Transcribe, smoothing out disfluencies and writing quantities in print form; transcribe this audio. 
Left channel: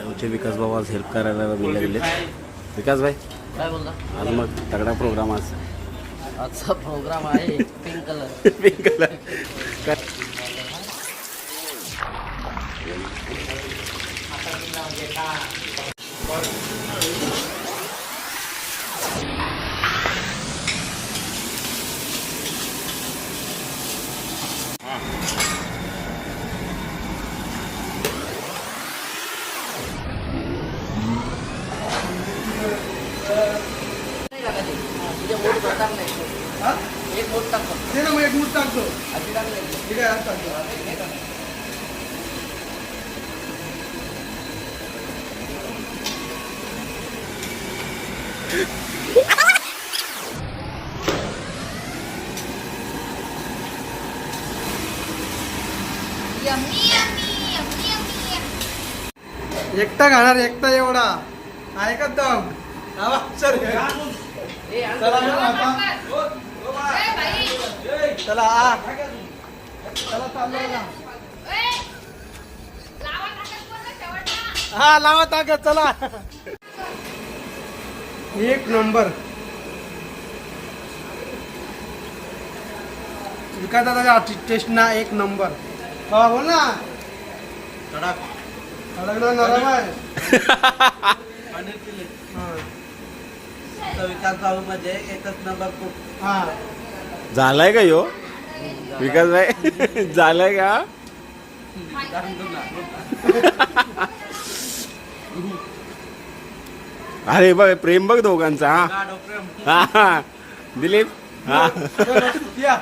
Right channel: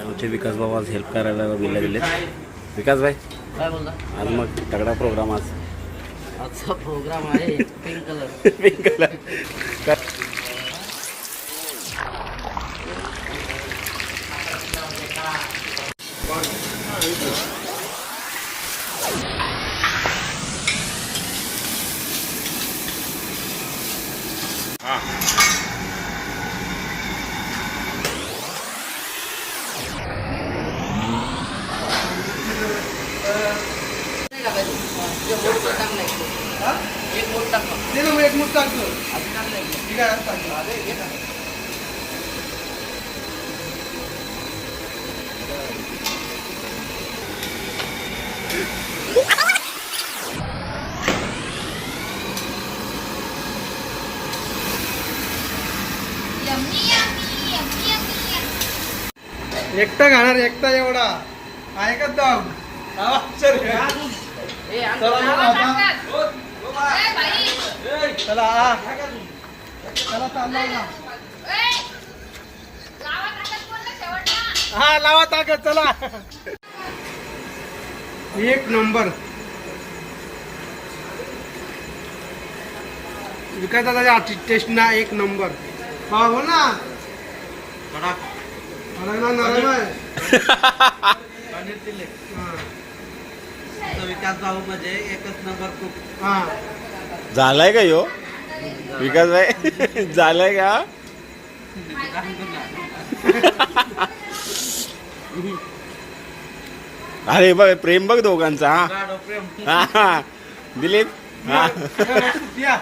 आमचे विकास बाबा आज हेल्प करायला गेले गेले. विकास भाई काय बोलता? आज मग तगडा प्रोग्राम आज. आजचा प्रोग्राम आहे पिंक कलर. Pink colour. नाही का पाहिजे? तुझ्या बोट टाक नाही एक बोट टाक फक्त. एक मूठ टाकतो. आधी टाक नाही. ठीक आहे आज टाकतो. एकटा खाणार एकटा एवढा आहे का दम सर ए आण चला चला चला चाललो ना. हा लावा ताकद चला. एक नंबर विकास दादाच्या टेस्ट ना एक नंबर. हा बोल ना. नरम आहे. विकास भाऊ म्हणजे एकच नंबर खूप. हा झालाय का यो विकास भाई? झालाय का? अरे बघ प्रेम बघ दोघांचा. हा हा दिलीप. हा या.